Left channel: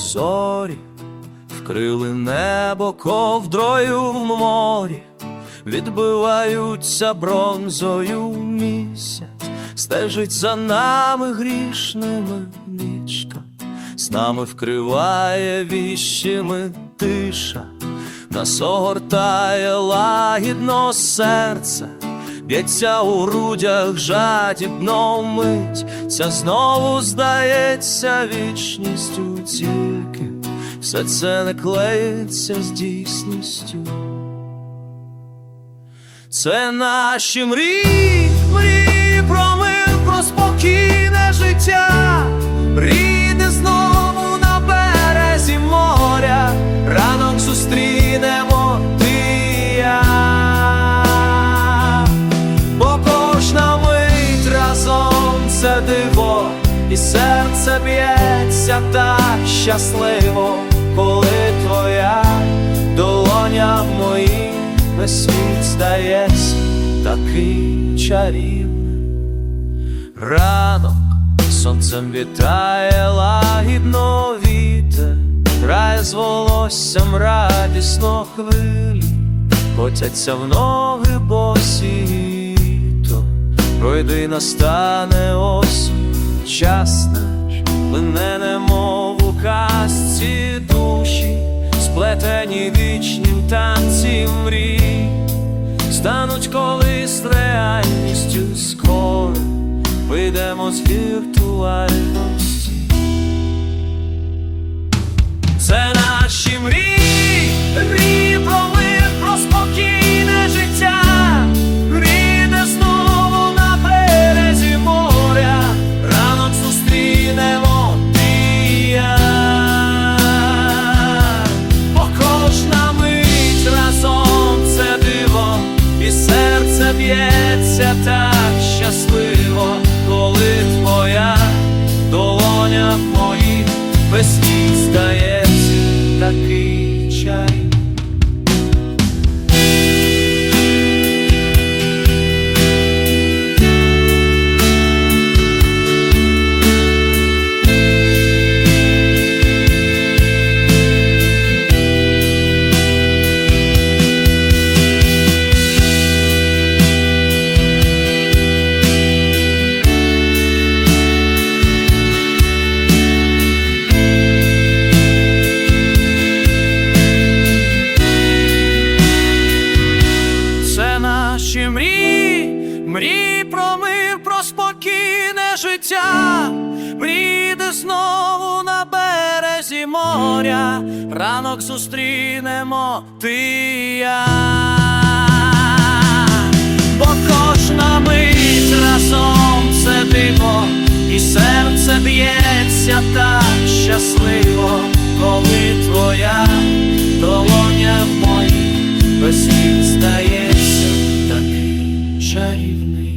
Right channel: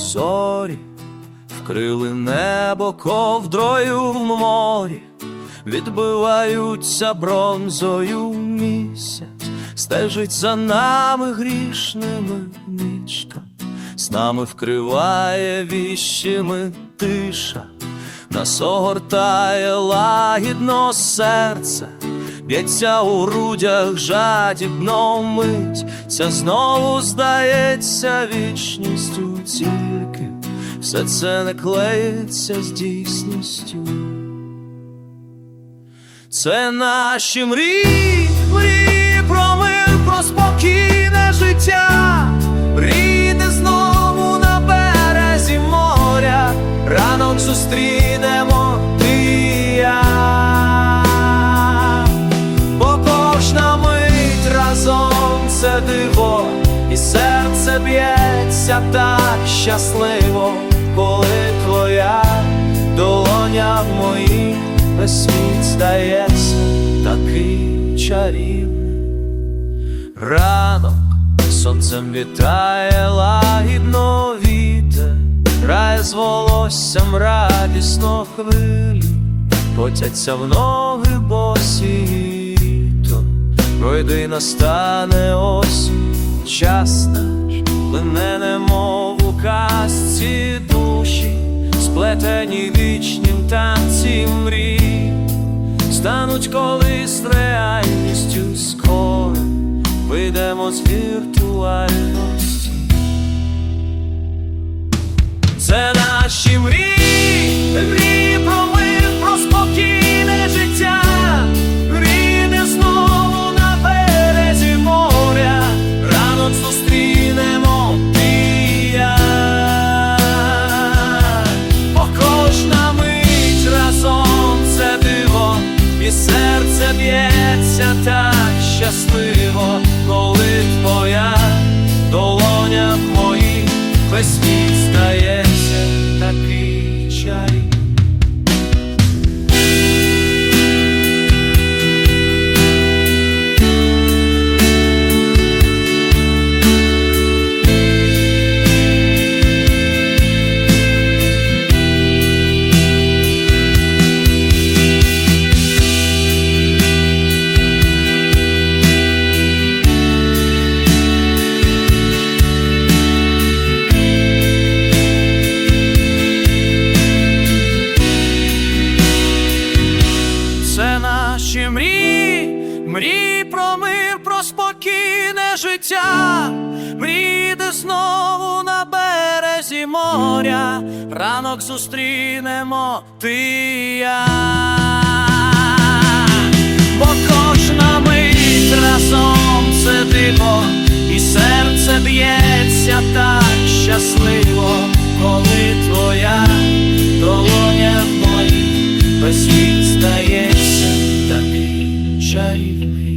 зорі, вкрили небо ковдрою в морі, відбиваються бронзою місяць, стежить за нами грішними нічка, з нами вкриває віщими тиша, нас огортає лагідно серце. Б'ється у грудях жадібно мить, ця знову здається вічністю тільки, все це не клеїться з дійсністю. Це наші мрії, мрії про мир, про спокійне життя, мрії, де знову на березі моря, ранок зустрінемо і серце б'ється так щасливо, коли твоя долоня в моїй весь світ здається такий чарівний. Ранок сонцем вітає лагідно вітер, грає з волоссям радісно хвилі, котяться в ноги босі, то пройди настане осінь, час наш плине немов у казці душі, сплетені вічнім танці мрій, стануть колись реальністю скоро, вийдемо з віртуальності. Це наші мрії, мрії ранок зустрінемо ти і я. Бо кожна мить разом це диво, і серце б'ється так щасливо, коли твоя долоня в моїй весь наші мрії, мрії про мир, про спокійне життя, мрії, де знову на березі моря, ранок зустрінемо ти і я. Бо кожна мить разом це диво, і серце б'ється так щасливо, коли твоя долоня в моїй весь світ стається такий чарівний.